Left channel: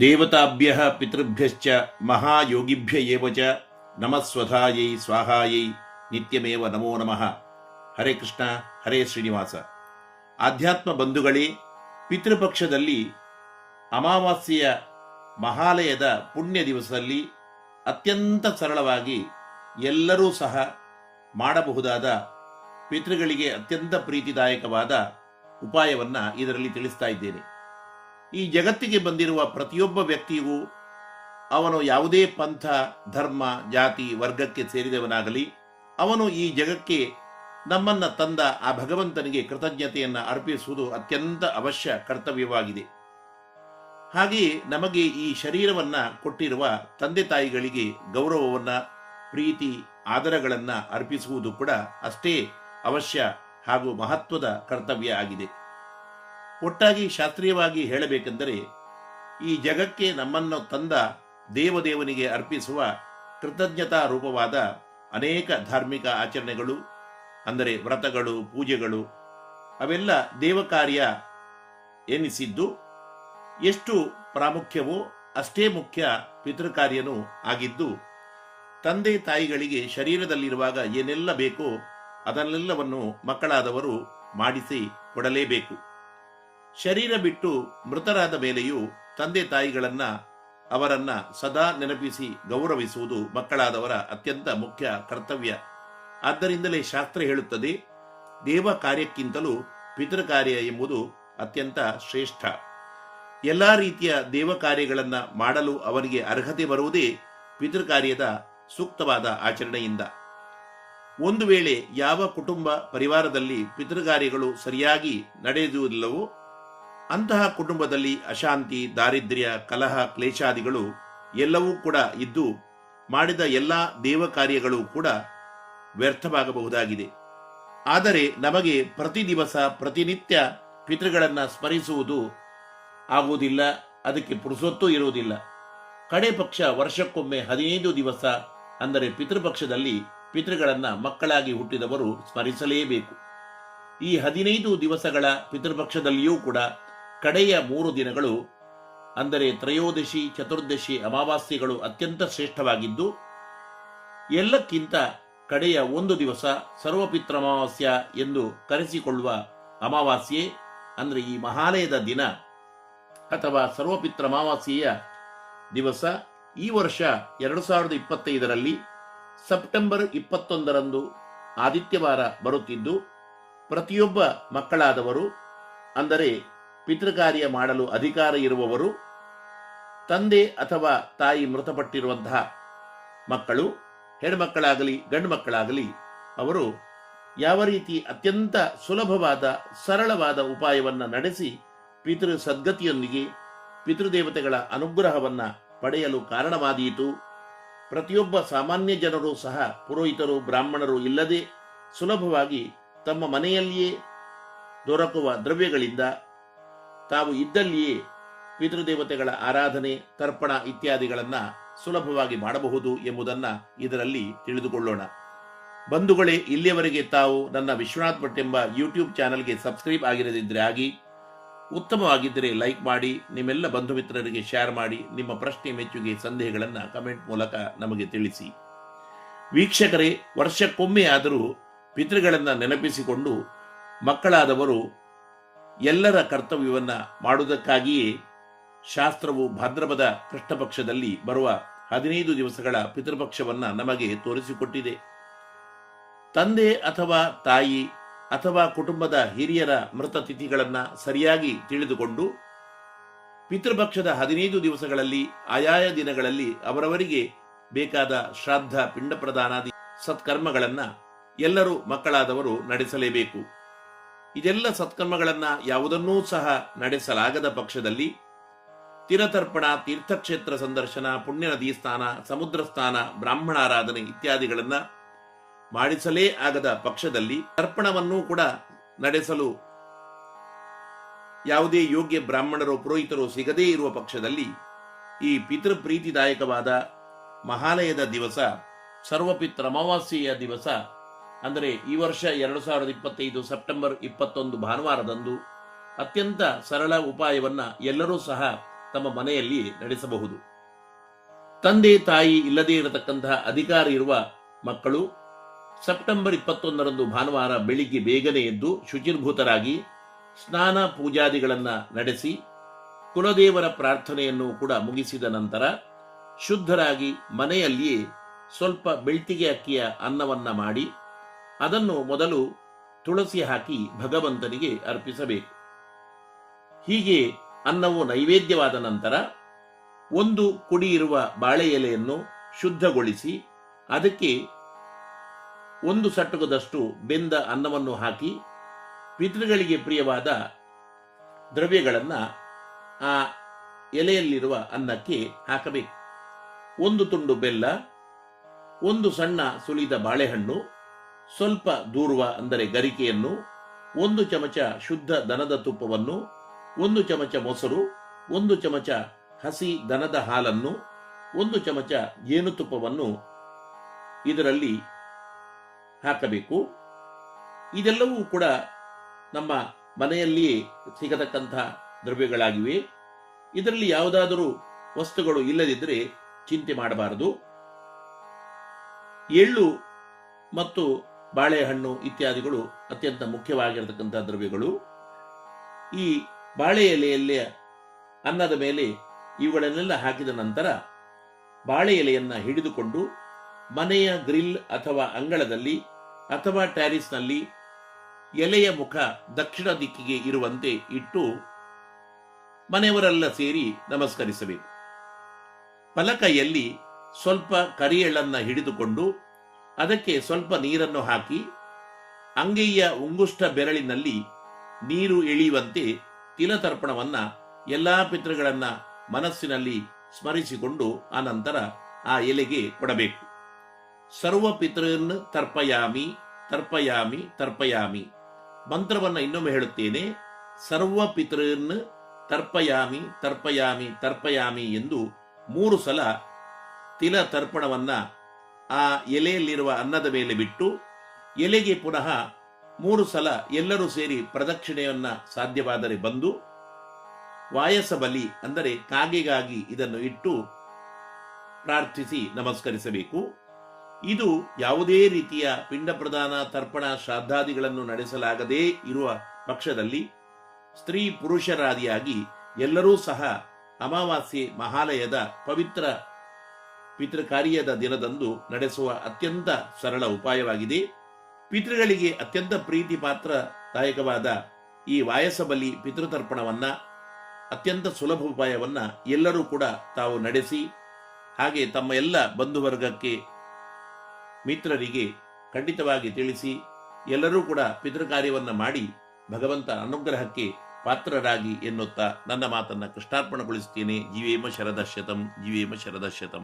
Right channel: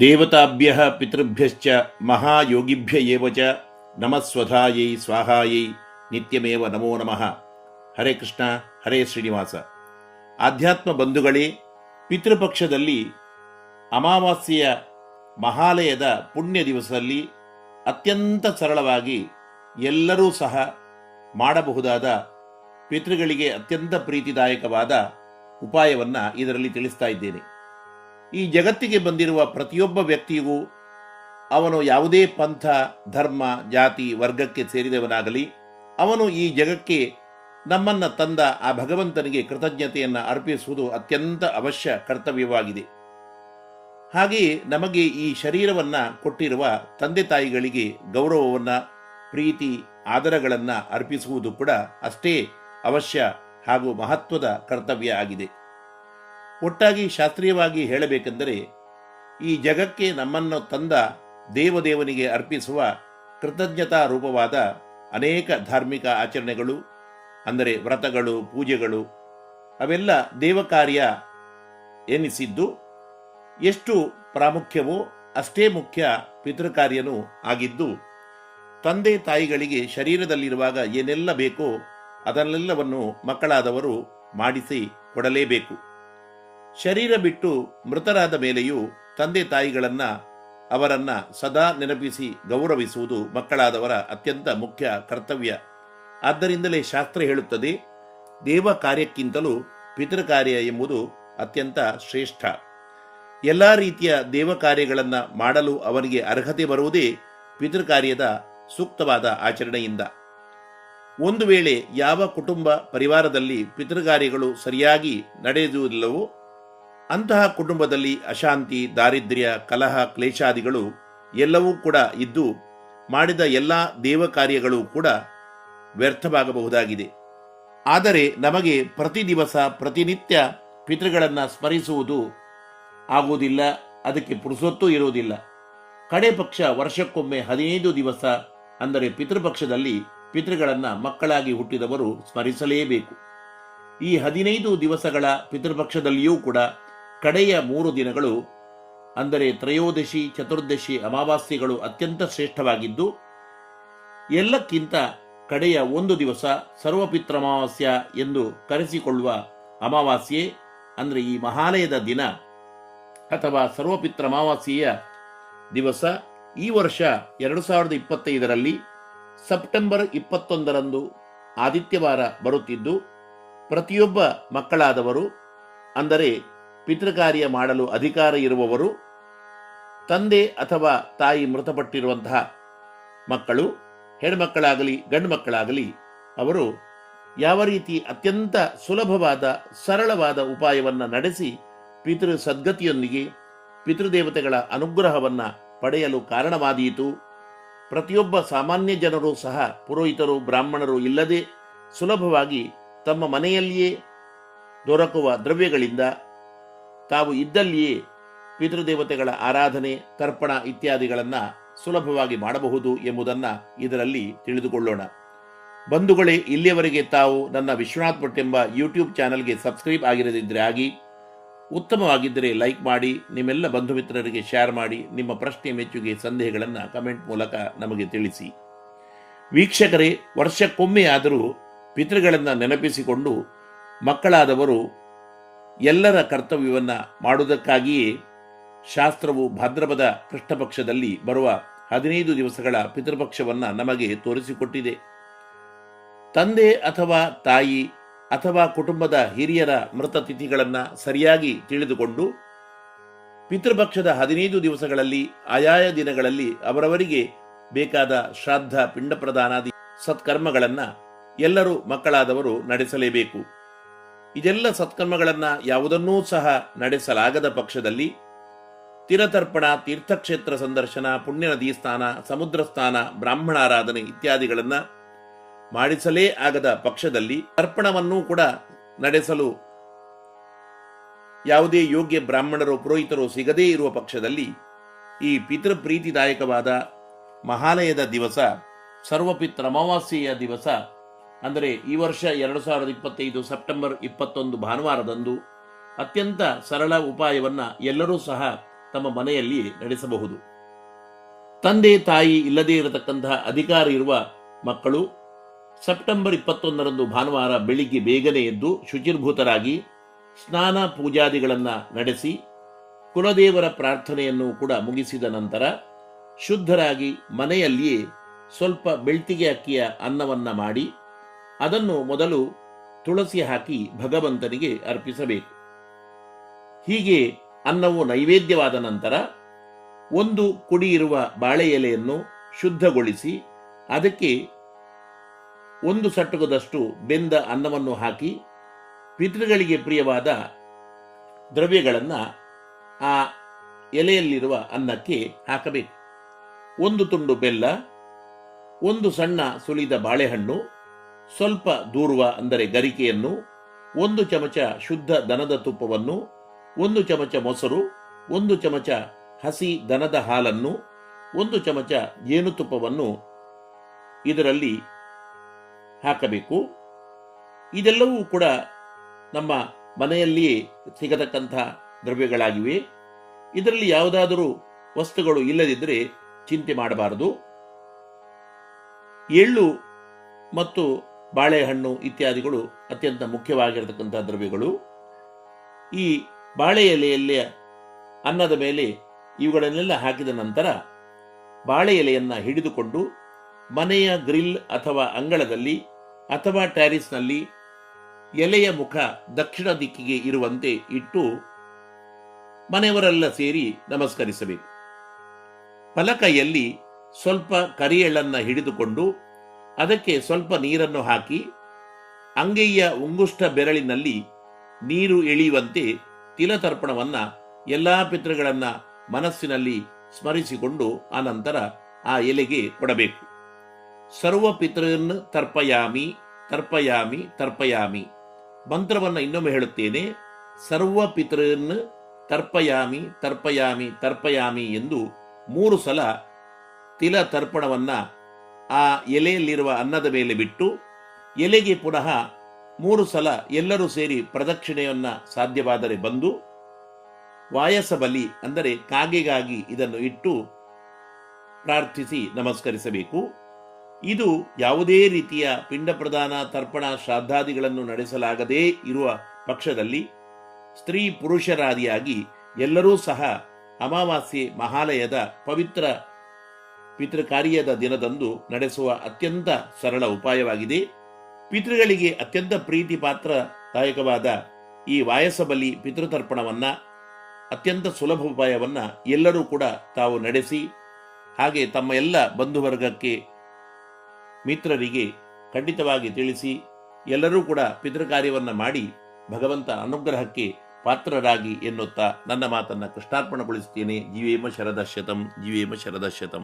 ದೇವತಾಭ್ಯ ಪಿತೃಭ್ಯಶ್ಚ ಮಹಾಯೋಗಿಭ್ಯ ಏವಚ ನಮಸ್ವಧಾಯೈ ಸ್ವಾಹಾಯೈ ನಿತ್ಯಮೇವ ನಮೋ ನಮಃ ಹರೇ ಕೃಷ್ಣ ಹರೇ ಶ್ರೀನಿವಾಸ ಆಧ್ಯಾತ್ಮ ಬಂಧುಗಳೇ ಪಿತೃಪಕ್ಷದಲ್ಲಿ ಅಮಾವಾಸ್ಯೆಯ ಮಹಾಲಯದ ಪುಣ್ಯ ದಿವಸದಲ್ಲಿ ಅತ್ಯಂತ ಸರಳವಾಗಿ ಎಲ್ಲರೂ ಸಹ ಮಾಡಬಹುದಾದ ಪಿತೃಗಳಿಗೆ ಅತ್ಯಂತ ಪ್ರೀತಿದಾಯಕವಾದ ಉಪಾಯವನ್ನು ಇದರಲ್ಲಿ ತಿಳಿಸ್ತಾ ಇದ್ದೇನೆ. ಈ ಜಗತ್ತಿಗೆ ಬಂದಿರುವ ಪ್ರತಿಯೊಬ್ಬ ವ್ಯಕ್ತಿಗೂ ಅವನು ಯಾವುದೇ ಪಂಥ, ಧರ್ಮ, ಜಾತಿ, ವರ್ಗಕ್ಕೆ ಸೇರಿದವನಾಗಲಿ, ಅವನು ಈ ಜಗಕ್ಕೆ ನಮ್ಮನ್ನ ತಂದ ಆ ಭಗವಂತನಿಗೆ ಕೃತಜ್ಞತೆಯನ್ನು ಅರ್ಪಿಸುವುದು ಅತ್ಯಂತ ಅವಶ್ಯ ಕರ್ತವ್ಯವಾಗಿದೆ. ಹಾಗೆಯೇ ನಮಗೆ ಈ ಶರೀರವನ್ನು ಕೊಟ್ಟಿರುವ ತಂದೆ ತಾಯಿಗಳಿಗೆ ಗೌರವವನ್ನು, ಪ್ರೀತಿ, ಆದರಗಳನ್ನು ಅರ್ಪಿಸುವುದು ಕೂಡ ಅಷ್ಟೇ ಅವಶ್ಯ ಹಾಗೂ ಮಹತ್ವದ ಕರ್ತವ್ಯ ಆಗಿದೆ. ಒಟ್ಟಾಗಿ ಶಾಸ್ತ್ರೀಯವಾಗಿ ಹೇಳಬೇಕೆಂದರೆ, ಈ ಜಗಕ್ಕೆ ನಮ್ಮನ್ನು ತಂದ ದೇವದೇವನಿಗೆ ಅರ್ಪಿಸುವ ಕೃತಜ್ಞತಾ ರೂಪವಾದ ಅನೇಕ ಧಾರ್ಮಿಕ ಆಚರಣೆಗಳು, ಅಂದರೆ ವ್ರತಗಳು, ಪೂಜೆಗಳು, ಅವೆಲ್ಲ ದೇವಕಾರ್ಯ ಎನಿಸಿದ್ದು, ಎಷ್ಟು ಪ್ರಾಮುಖ್ಯವೋ ಅಷ್ಟೇ ಮುಖ್ಯ ಪಿತೃಕಾರ್ಯನೂ ಆಗಿದ್ದು, ತಂದೆ ತಾಯಿಗಳಿಗೆ ಶರೀರದಲ್ಲಿರುವಾಗ ಏನೆಲ್ಲ ಬೇಕೋ ಅದನ್ನೆಲ್ಲವನ್ನು ಮಕ್ಕಳಾದವರು ಮಾಡಿಸಿ ಕೊಡಲೇಬೇಕು. ಶರೀರ ಬಿಟ್ಟು ಮೃತರಾದ ಮೇಲೆಯೂ ತಂದೆ ತಾಯಿಗಳನ್ನ, ಅವರನ್ನ ಸದಾ ನೆನಪಿಸಿ ಗೌರವಿಸುವುದು ಮಕ್ಕಳಾದವರ ಅತ್ಯಂತ ಮುಖ್ಯ ಕರ್ತವ್ಯ. ಆದ್ದರಿಂದಲೇ ಶಾಸ್ತ್ರ ಹೇಳುತ್ತದೆ, ದೇವ ಕಾರ್ಯಕ್ಕಿಂತಲೂ ಪಿತೃ ಎಂಬುದು ಅತ್ಯಂತ ಶ್ರೇಷ್ಠ. ಎಲ್ಲಾ ರೀತಿಯ ದೇವ ಕಾರ್ಯಗಳನ್ನ ಮಾಡಲು ಅವರಿಗೆ ಅರ್ಹತೆ ಬರುವುದೇ ಪಿತೃ ಕಾರ್ಯದ ಸೂಕ್ತವಾದ ಆಚರಣೆಯಿಂದ. ಒಂದು ವೇಳೆ ಯಾವ ಕುಟುಂಬ ಪರಿವಾರದಲ್ಲಿ ಪಿತೃಕಾರ್ಯಗಳು ಸರಿಯಾಗಿ ನಡೆಯುವುದಿಲ್ಲವೋ ಅಂತಹ ಕುಟುಂಬದಲ್ಲಿ ಅಶಾಂತಿ, ದಾರಿದ್ರ್ಯ, ಕಲಹ, ಕ್ಲೇಶಾದಿಗಳು ಎಲ್ಲವೂ ಕೂಡ ಇದ್ದು ಮಾಡಿದ ಎಲ್ಲ ದೇವ ಕಾರ್ಯಗಳು ಕೂಡ ವ್ಯರ್ಥವಾಗಬಹುದಾಗಿದೆ. ಆದರೆ ನಮಗೆ ಪ್ರತಿ ದಿವಸ, ಪ್ರತಿನಿತ್ಯ ಪಿತೃಗಳನ್ನು ಸ್ಮರಿಸುವುದು ಆಗುವುದಿಲ್ಲ, ಅದಕ್ಕೆ ಪುರುಸೊತ್ತು ಇರುವುದಿಲ್ಲ. ಕಡೆ ಪಕ್ಷ ವರ್ಷಕ್ಕೊಮ್ಮೆ ಹದಿನೈದು ದಿವಸ ಅಂದರೆ ಪಿತೃಪಕ್ಷದಲ್ಲಿ ಪಿತೃಗಳನ್ನು ಮಕ್ಕಳಾಗಿ ಹುಟ್ಟಿದವರು ಸ್ಮರಿಸಲೇಬೇಕು. ಈ ಹದಿನೈದು ದಿವಸಗಳ ಪಿತೃಪಕ್ಷದಲ್ಲಿಯೂ ಕೂಡ ಕಡೆಯ ಮೂರು ದಿನಗಳು, ಅಂದರೆ ತ್ರಯೋದಶಿ, ಚತುರ್ದಶಿ, ಅಮಾವಾಸ್ಯೆಗಳು ಅತ್ಯಂತ ಶ್ರೇಷ್ಠವಾಗಿದ್ದು, ಎಲ್ಲಕ್ಕಿಂತ ಕಡೆಯ ಒಂದು ದಿವಸ ಸರ್ವಪಿತ್ರಮಾವಾಸ್ಯ ಎಂದು ಕರೆಸಿಕೊಳ್ಳುವ ಅಮಾವಾಸ್ಯೆ, ಅಂದರೆ ಈ ಮಹಾಲಯದ ದಿನ ಅಥವಾ ಸರ್ವಪಿತ್ರಮಾವಾಸ್ಯೆಯ ದಿವಸ ಈ ವರ್ಷ ಎರಡು ಸಾವಿರದ ಇಪ್ಪತ್ತೈದರಲ್ಲಿ ಸೆಪ್ಟೆಂಬರ್ ಇಪ್ಪತ್ತೊಂದರಂದು ಆದಿತ್ಯವಾರ ಬರುತ್ತಿದ್ದು, ಪ್ರತಿಯೊಬ್ಬ ಮಕ್ಕಳಾದವರು, ಅಂದರೆ ಪಿತೃಕಾರ್ಯ ಮಾಡಲು ಅಧಿಕಾರ ಇರುವವರು, ತಂದೆ ಅಥವಾ ತಾಯಿ ಮೃತಪಟ್ಟಿರುವಂತಹ ಮಕ್ಕಳು, ಹೆಣ್ಮಕ್ಕಳಾಗಲಿ ಗಂಡು ಮಕ್ಕಳಾಗಲಿ ಅವರು ಯಾವ ರೀತಿ ಅತ್ಯಂತ ಸುಲಭವಾದ, ಸರಳವಾದ ಉಪಾಯವನ್ನು ನಡೆಸಿ ಪಿತೃ ಸದ್ಗತಿಯೊಂದಿಗೆ ಪಿತೃದೇವತೆಗಳ ಅನುಗ್ರಹವನ್ನು ಪಡೆಯಲು ಕಾರಣವಾದೀತು. ಪ್ರತಿಯೊಬ್ಬ ಸಾಮಾನ್ಯ ಜನರು ಸಹ ಪುರೋಹಿತರು, ಬ್ರಾಹ್ಮಣರು ಇಲ್ಲದೆ ಸುಲಭವಾಗಿ ತಮ್ಮ ಮನೆಯಲ್ಲಿಯೇ ದೊರಕುವ ದ್ರವ್ಯಗಳಿಂದ ತಾವು ಇದ್ದಲ್ಲಿಯೇ ಪಿತೃದೇವತೆಗಳ ಆರಾಧನೆ, ತರ್ಪಣ ಇತ್ಯಾದಿಗಳನ್ನ ಸುಲಭವಾಗಿ ಮಾಡಬಹುದು ಎಂಬುದನ್ನ ಇದರಲ್ಲಿ ತಿಳಿದುಕೊಳ್ಳೋಣ. ಬಂಧುಗಳೇ, ಇಲ್ಲಿಯವರೆಗೆ ತಾವು ನನ್ನ ವಿಶ್ವನಾಥ್ ಭಟ್ ಎಂಬ ಯೂಟ್ಯೂಬ್ ಚಾನೆಲ್ಗೆ ಸಬ್ಸ್ಕ್ರೈಬ್ ಆಗಿರದಿದ್ದರೆ ಆಗಿ, ಉತ್ತಮವಾಗಿದ್ದರೆ ಲೈಕ್ ಮಾಡಿ, ನಿಮ್ಮೆಲ್ಲ ಬಂಧು ಮಿತ್ರರಿಗೆ ಶೇರ್ ಮಾಡಿ, ನಿಮ್ಮ ಪ್ರಶ್ನೆ ಮೆಚ್ಚುಗೆ ಸಂದೇಹಗಳನ್ನು ಕಮೆಂಟ್ ಮೂಲಕ ನಮಗೆ ತಿಳಿಸಿ. ವೀಕ್ಷಕರೇ ವರ್ಷಕ್ಕೊಮ್ಮೆ ಆದರೂ ಪಿತೃಗಳನ್ನು ನೆನಪಿಸಿಕೊಂಡು ಮಕ್ಕಳಾದವರು ಎಲ್ಲರ ಕರ್ತವ್ಯವನ್ನ ಮಾಡುವುದಕ್ಕಾಗಿಯೇ ಶಾಸ್ತ್ರವು ಭಾದ್ರಪದ ಕೃಷ್ಣಪಕ್ಷದಲ್ಲಿ ಬರುವ ಹದಿನೈದು ದಿವಸಗಳ ಪಿತೃಪಕ್ಷವನ್ನು ನಮಗೆ ತೋರಿಸಿಕೊಟ್ಟಿದೆ. ತಂದೆ ಅಥವಾ ತಾಯಿ ಅಥವಾ ಕುಟುಂಬದ ಹಿರಿಯರ ಮೃತ ತಿಥಿಗಳನ್ನು ಸರಿಯಾಗಿ ತಿಳಿದುಕೊಂಡು ಪಿತೃಪಕ್ಷದ ಹದಿನೈದು ದಿವಸಗಳಲ್ಲಿ, ಆಯಾಯ ದಿನಗಳಲ್ಲಿ ಅವರವರಿಗೆ ಬೇಕಾದ ಶ್ರಾದ್ದ ಪಿಂಡ ಪ್ರದಾನಾದಿ ಸತ್ಕರ್ಮಗಳನ್ನ ಎಲ್ಲರೂ ಮಕ್ಕಳಾದವರು ನಡೆಸಲೇಬೇಕು. ಇದೆಲ್ಲ ಸತ್ಕರ್ಮಗಳನ್ನ ಯಾವುದನ್ನೂ ಸಹ ನಡೆಸಲಾಗದ ಪಕ್ಷದಲ್ಲಿ ತಿರತರ್ಪಣ, ತೀರ್ಥಕ್ಷೇತ್ರ ಸಂದರ್ಶನ ಪುಣ್ಯ ನದಿ ಸ್ನಾನ ಸಮುದ್ರ ಸ್ನಾನ ಬ್ರಾಹ್ಮಣಾರಾಧನೆ ಇತ್ಯಾದಿಗಳನ್ನ ಮಾಡಿಸಲೇ ಆಗದ ಪಕ್ಷದಲ್ಲಿ ತರ್ಪಣವನ್ನೂ ಕೂಡ ನಡೆಸಲು ಯಾವುದೇ ಯೋಗ್ಯ ಬ್ರಾಹ್ಮಣರು, ಪುರೋಹಿತರು ಸಿಗದೇ ಇರುವ ಪಕ್ಷದಲ್ಲಿ ಈ ಪಿತೃ ಪ್ರೀತಿದಾಯಕವಾದ ಮಹಾಲಯದ ದಿವಸ ಸರ್ವಪಿತ್ರ ಅಮಾವಾಸ್ಯೆಯ ದಿವಸ ಅಂದರೆ ಈ ವರ್ಷ ಎರಡು ಸಾವಿರದ ಇಪ್ಪತ್ತೈದು ಸೆಪ್ಟೆಂಬರ್ ಇಪ್ಪತ್ತೊಂದು ಭಾನುವಾರದಂದು ಅತ್ಯಂತ ಸರಳ ಉಪಾಯವನ್ನ ಎಲ್ಲರೂ ಸಹ ತಮ್ಮ ಮನೆಯಲ್ಲಿ ನಡೆಸಬಹುದು. ತಂದೆ ತಾಯಿ ಇಲ್ಲದೇ ಇರತಕ್ಕಂತಹ ಅಧಿಕಾರ ಇರುವ ಮಕ್ಕಳು ಸೆಪ್ಟೆಂಬರ್ ಇಪ್ಪತ್ತೊಂದರಂದು ಭಾನುವಾರ ಬೆಳಿಗ್ಗೆ ಬೇಗನೆ ಎದ್ದು ಶುಚಿರ್ಭೂತರಾಗಿ ಸ್ನಾನ ಪೂಜಾದಿಗಳನ್ನು ನಡೆಸಿ ಕುಲದೇವರ ಪ್ರಾರ್ಥನೆಯನ್ನು ಕೂಡ ಮುಗಿಸಿದ ನಂತರ ಶುದ್ಧರಾಗಿ ಮನೆಯಲ್ಲಿಯೇ ಸ್ವಲ್ಪ ಬೆಳ್ತಿಗೆ ಅಕ್ಕಿಯ ಅನ್ನವನ್ನ ಮಾಡಿ ಅದನ್ನು ಮೊದಲು ತುಳಸಿ ಹಾಕಿ ಭಗವಂತನಿಗೆ ಅರ್ಪಿಸಬೇಕು. ಹೀಗೆ ಅನ್ನವು ನೈವೇದ್ಯವಾದ ನಂತರ ಒಂದು ಕುಡಿ ಇರುವ ಬಾಳೆ ಎಲೆಯನ್ನು ಶುದ್ಧಗೊಳಿಸಿ ಅದಕ್ಕೆ ಒಂದು ಸಟ್ಟುಗದಷ್ಟು ಬೆಂದ ಅನ್ನವನ್ನು ಹಾಕಿ ಪಿತೃಗಳಿಗೆ ಪ್ರಿಯವಾದ ದ್ರವ್ಯಗಳನ್ನು ಆ ಎಲೆಯಲ್ಲಿರುವ ಅನ್ನಕ್ಕೆ ಹಾಕಬೇಕು. ಒಂದು ತುಂಡು ಬೆಲ್ಲ, ಒಂದು ಸಣ್ಣ ಸುಲಿದ ಬಾಳೆಹಣ್ಣು ಸ್ವಲ್ಪ ದೂರುವ, ಅಂದರೆ ಗರಿಕೆಯನ್ನು, ಒಂದು ಚಮಚ ಶುದ್ಧ ದನದ ತುಪ್ಪವನ್ನು, ಒಂದು ಚಮಚ ಮೊಸರು, ಒಂದು ಚಮಚ ಹಸಿ ದನದ ಹಾಲನ್ನು, ಒಂದು ಚಮಚ ಜೇನುತುಪ್ಪವನ್ನು ಇದರಲ್ಲಿ ಹಾಕಬೇಕು. ಇದೆಲ್ಲವೂ ಕೂಡ ನಮ್ಮ ಮನೆಯಲ್ಲಿಯೇ ಸಿಗತಕ್ಕಂಥ ದ್ರವ್ಯಗಳಾಗಿವೆ. ಇದರಲ್ಲಿ ಯಾವುದಾದರೂ ವಸ್ತುಗಳು ಇಲ್ಲದಿದ್ದರೆ ಚಿಂತೆ ಮಾಡಬಾರದು. ಎಳ್ಳು ಮತ್ತು ಬಾಳೆಹಣ್ಣು ಇತ್ಯಾದಿಗಳು ಅತ್ಯಂತ ಮುಖ್ಯವಾಗಿರತಕ್ಕಂಥ ದ್ರವ್ಯಗಳು. ಈ ಬಾಳೆ ಎಲೆಯಲ್ಲಿ ಅನ್ನದ ಮೇಲೆ ಇವುಗಳನ್ನೆಲ್ಲ ಹಾಕಿದ ನಂತರ ಬಾಳೆ ಎಲೆಯನ್ನು ಹಿಡಿದುಕೊಂಡು ಮನೆಯ ಗ್ರಿಲ್ ಅಥವಾ ಅಂಗಳದಲ್ಲಿ ಅಥವಾ ಟ್ಯಾರಿಸ್ನಲ್ಲಿ ಎಲೆಯ ಮುಖ ದಕ್ಷಿಣ ದಿಕ್ಕಿಗೆ ಇರುವಂತೆ ಇಟ್ಟು ಮನೆಯವರೆಲ್ಲ ಸೇರಿ ನಮಸ್ಕರಿಸಬೇಕು. ಫಲಕೈಯಲ್ಲಿ ಸ್ವಲ್ಪ ಕರಿಯೆಳನ್ನು ಹಿಡಿದುಕೊಂಡು ಅದಕ್ಕೆ ಸ್ವಲ್ಪ ನೀರನ್ನು ಹಾಕಿ ಅಂಗೈಯ ಉಂಗುಷ್ಟ ಬೆರಳಿನಲ್ಲಿ ನೀರು ಇಳಿಯುವಂತೆ ತಿಲತರ್ಪಣವನ್ನ ಎಲ್ಲಾ ಪಿತೃಗಳನ್ನ ಮನಸ್ಸಿನಲ್ಲಿ ಸ್ಮರಿಸಿಕೊಂಡು ಆನಂತರ ಆ ಎಲೆಗೆ ಕೊಡಬೇಕು. ಸರ್ವ ಪಿತೃನ್ ತರ್ಪಯಾಮಿ ತರ್ಪಯಾಮಿ ತರ್ಪಯಾಮಿ. ಮಂತ್ರವನ್ನು ಇನ್ನೊಮ್ಮೆ ಹೇಳುತ್ತೇನೆ. ಸರ್ವ ಪಿತೃನ್ ತರ್ಪಯಾಮಿ ತರ್ಪಯಾಮಿ ತರ್ಪಯಾಮಿ ಎಂದು ಮೂರು ಸಲ ತಿಲ ತರ್ಪಣವನ್ನ ಆ ಎಲೆಯಲ್ಲಿರುವ ಅನ್ನದ ಮೇಲೆ ಬಿಟ್ಟು ಎಲೆಗೆ ಪುನಃ ಮೂರು ಸಲ ಎಲ್ಲರೂ ಸೇರಿ ಪ್ರದಕ್ಷಿಣೆಯನ್ನ ಸಾಧ್ಯವಾದರೆ ಬಂದು ವಾಯಸ ಬಲಿ ಅಂದರೆ ಕಾಗೆಗಾಗಿ ಇದನ್ನು ಇಟ್ಟು ಪ್ರಾರ್ಥಿಸಿ ನಮಸ್ಕರಿಸಬೇಕು. ಇದು ಯಾವುದೇ ರೀತಿಯ ಪಿಂಡ ಪ್ರದಾನ, ತರ್ಪಣ, ಶ್ರಾದ್ದಾದಿಗಳನ್ನು ನಡೆಸಲಾಗದೇ ಇರುವ ಪಕ್ಷದಲ್ಲಿ ಸ್ತ್ರೀ ಪುರುಷರಾದಿಯಾಗಿ ಎಲ್ಲರೂ ಸಹ ಅಮಾವಾಸ್ಯೆ ಮಹಾಲಯದ ಪವಿತ್ರ ಪಿತೃಕಾರ್ಯದ ದಿನದಂದು ನಡೆಸುವ ಅತ್ಯಂತ ಸರಳ ಉಪಾಯವಾಗಿದೆ. ಪಿತೃಗಳಿಗೆ ಅತ್ಯಂತ ಪ್ರೀತಿ ಪಾತ್ರದಾಯಕವಾದ ಈ ವಾಯಸಬಲಿ ಪಿತೃತರ್ಪಣವನ್ನ, ಅತ್ಯಂತ ಸುಲಭ ಉಪಾಯವನ್ನ ಎಲ್ಲರೂ ಕೂಡ ತಾವು ನಡೆಸಿ, ಹಾಗೆ ತಮ್ಮ ಎಲ್ಲ ಬಂಧುವರ್ಗಕ್ಕೆ ಮಿತ್ರರಿಗೆ ಖಂಡಿತವಾಗಿ ತಿಳಿಸಿ, ಎಲ್ಲರೂ ಕೂಡ ಪಿತೃಕಾರ್ಯವನ್ನ ಮಾಡಿ ಭಗವಂತ ಅನುಗ್ರಹಕ್ಕೆ ಪಾತ್ರರಾಗಿ ಎನ್ನುತ್ತಾ ನನ್ನ ಮಾತನ್ನು ಕೃಷ್ಣಾರ್ಪಣಗೊಳಿಸುತ್ತೇನೆ. ಜೀವೇಮ ಶರದಶ್ಯತಂ ಜೀವೇಮ ಶರದಶ್ಯತಂ.